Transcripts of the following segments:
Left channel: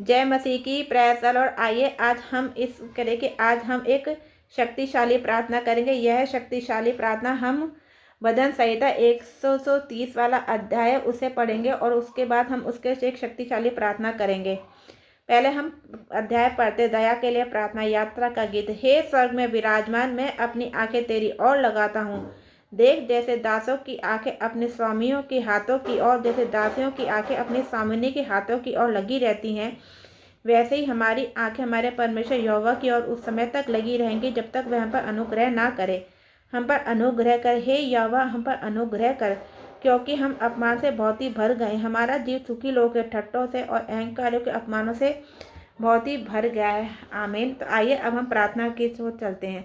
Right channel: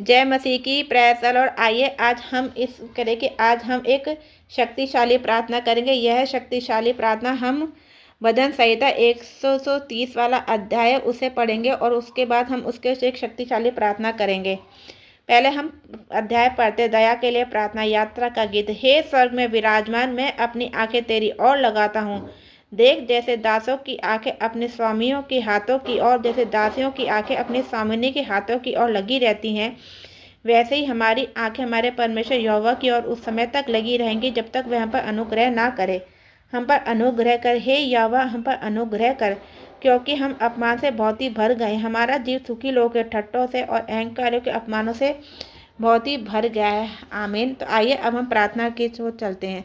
जय मसीह की praise the Lord. आइए आज हम इस करें कि आज हम एक शक्तिशाली प्रार्थना करेंगे। यह शक्तिशाली प्रार्थना हम भजन संहिता 130 वाला अध्याय उसे पढ़ेंगे और उसके बाद हम उसके से एक शक्तिशाली प्रार्थना करेंगे। पहले हम अध्याय पढ़ते। दया के लिए प्रार्थना यात्रा का गीत। हे स्वर्ग में विराजमान, मैं अपनी आंखें तेरी ओर लगाता हूँ। देख, जैसे दासों की आंखें अपने स्वामियों के हाथों की ओर, जैसे दासियों की आंखें अपने स्वामिनी के हाथों की ओर लगी रहती हैं, वैसे ही हमारी आंखें हमारे परमेश्वर यहोवा की ओर उस समय तक लगी रहेंगी जब तक वह हम पर अनुग्रह ना करे। हम पर अनुग्रह कर हे यहोवा, हम पर अनुग्रह कर, क्योंकि हम अपमान से बहुत ही भर गए। हमारा जीव सुखी लोगों के ठट्टों से और अहंकारियों के अपमानों से बहुत ही भर गया है। आमीन। तो आइए अब हम प्रार्थना की ओर चलते हैं।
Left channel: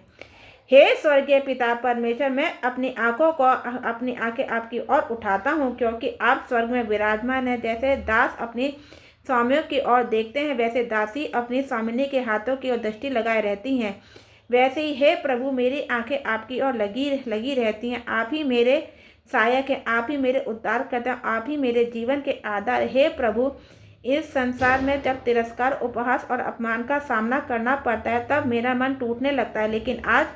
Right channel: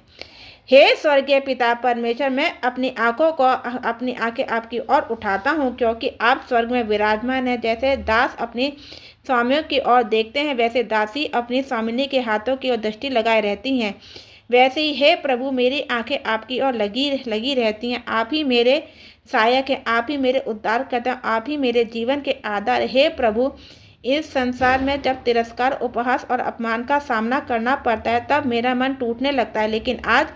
हे स्वर्गीय पिता परमेश्वर, मैं अपनी आंखें आपकी ओर उठाता हूँ, क्योंकि आप स्वर्ग में विराजमान है। जैसे दास अपनी स्वामियों की ओर देखते हैं, वैसे दासी अपनी स्वामिनी के हाथों की ओर दृष्टि लगाए रहती हैं। वैसे ही हे प्रभु, मेरी आंखें आपकी ओर लगी रहती हैं। आप ही मेरे सहायक हैं, आप ही मेरे उद्धारकर्ता, आप ही मेरे जीवन के आधार। हे प्रभु, इस संसार में जब तिरस्कार, उपहास और अपमान का सामना करना पड़ता है तब मेरा मन टूटने लगता है, लेकिन आज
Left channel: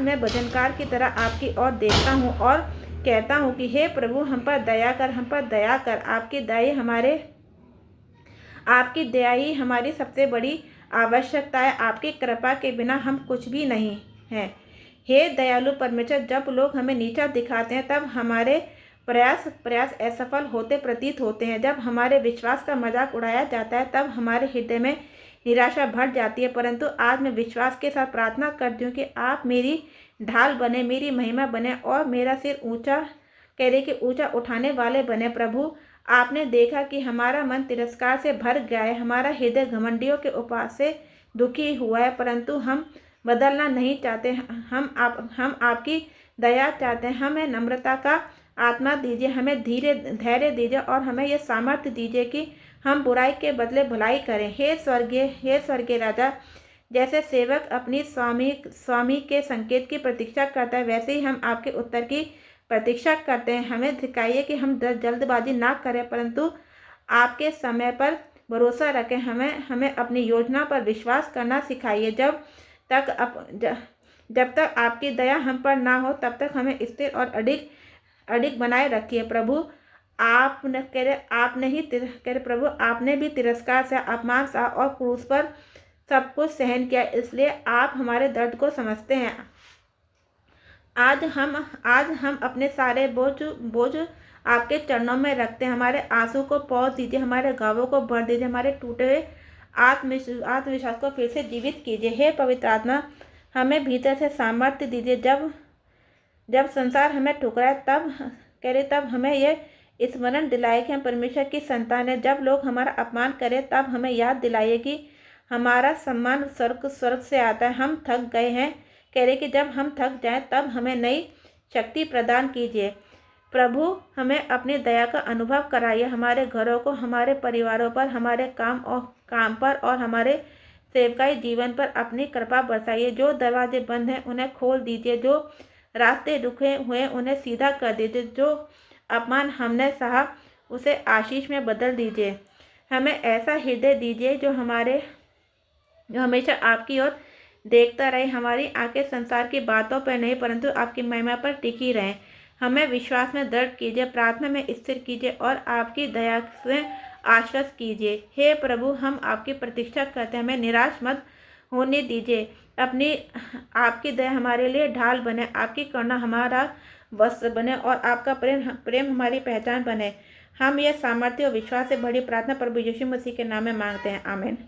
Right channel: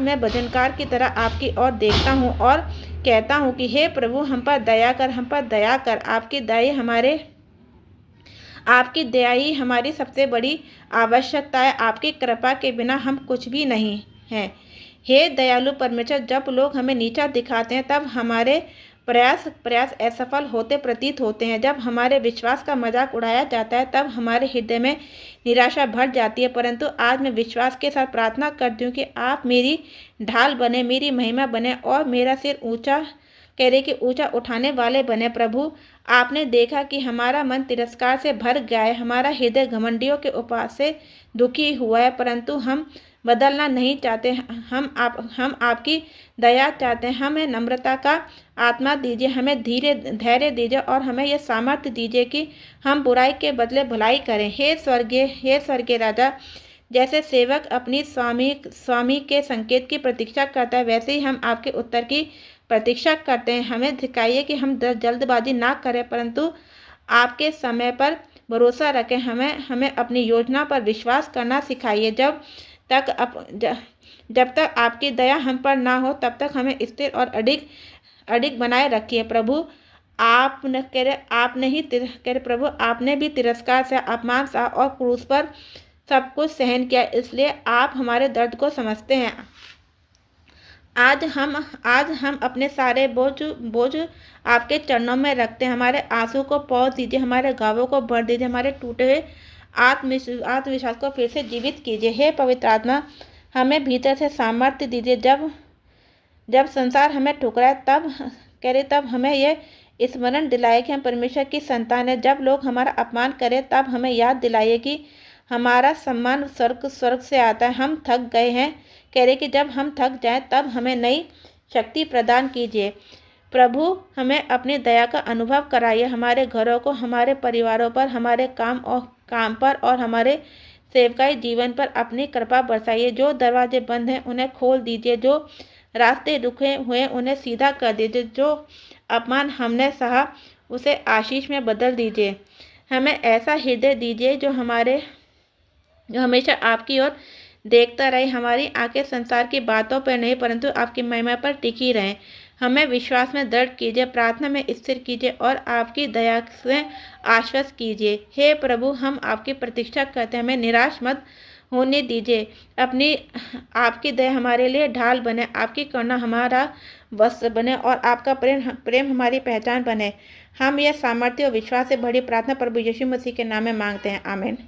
मैं भजनकार की तरह आपकी ओर देखता हूँ और कहता हूँ कि हे प्रभु, हम पर दया कर, हम पर दया कर। आपकी दया ही हमारी सबसे बड़ी आवश्यकता है। आपकी कृपा के बिना हम कुछ भी नहीं हैं। हे दयालु परमेश्वर, जब लोग हमें नीचा दिखाते हैं तब हमारे प्रयास असफल होते प्रतीत होते हैं। जब हमारे विश्वास का मजाक उड़ाया जाता है तब हमारे हृदय में निराशा भर जाती है। परंतु आज मैं विश्वास के साथ प्रार्थना करती हूँ कि आप मेरी ढाल बने, मेरी महिमा बने और मेरा सिर ऊंचा उठाने वाले बने। प्रभु, आपने देखा कि हमारा मन तिरस्कार से भर गया है, हमारा हृदय घमंडियों के उपहास से दुखी हुआ है, परंतु हम बदलना नहीं चाहते। हम आपकी दया चाहते हैं। हमें नम्रता का आत्मा दीजिए, हमें धैर्य दीजिए और हमें यह सामर्थ्य दीजिए कि हम बुराई के बदले भलाई करें। हे स्वर्गीय राजा, जैसे सेवक अपनी स्वामी के संकेत की प्रतीक्षा करता है, वैसे ही हम आपके उत्तर की प्रतीक्षा करते हैं। हमें दिखाइए कि हम जल्दबाजी ना करें, परंतु आपके समय पर भरोसा रखें। हमें अपनी योजना पर विश्वास करना सिखाइए। जब तक आपकी दया हम पर ना हो तब तक हमें स्थिर और अडिग बनाए रखिए। प्रभु, प्रभु, आपने भी तिरस्कार से, अपमान सहा और क्रूस पर सब कुछ सहन किया, इसलिए आप हमारे दर्द को समझते हैं। आज हम अपने सारे बोझ आपके चरणों में रखते हैं। हमारे आंसू को पहुँच दीजिए, हमारे घावों को भर दीजिए, हमारे टूटे हुए आत्मविश्वास को फिर से जीवित कीजिए। हे पवित्र आत्मा, हमें भीतर से सामर्थ्य दीजिए। जब संसार हमें ठुकराए तब हमें यह स्मरण दिलाए कि हम परमेश्वर की संतान है। जब लोग हमारा अपमान करें तब हमें याद दिलाइए कि हमारा सम्मान स्वर्ग से आता है। हम थक गए हैं, कि जब हम थक जाएं तब हमें नई शक्ति प्रदान कीजिए। प्रभु, हमें अपनी दया का अनुभव कराइए। हमारे घरों को, हमारे परिवारों पर, हमारे काम पर और हमारे सेवकाई जीवन पर अपनी कृपा बरसाइए। जो दरवाजे बंद हैं उन्हें खोल दीजिए, जो रास्ते रुके हुए उन्हें सीधा कर दीजिए, जो अपमान हमने सहा उसे आशीष में बदल दीजिए। हमें ऐसा हृदय दीजिए जो हमेशा आपकी ओर देखता रहे। हमारी आंखें संसार की बातों पर नहीं परंतु आपकी महिमा पर टिकी रहें। हमें विश्वास में दृढ़ कीजिए, प्रार्थना में स्थिर कीजिए और आपकी दया से आश्वस्त कीजिए। हे प्रभु, हम आपकी प्रतीक्षा करते हैं, हमें निराश मत होने दीजिए। आपकी दया हमारे लिए ढाल बने, आपकी करुणा हमारा वस्त्र बने और आपका प्रेम हमारी पहचान बने। हम यह सामर्थ्य और विश्वास से भरी प्रार्थना प्रभु यीशु मसीह के नाम में मांगते हैं। आमीन।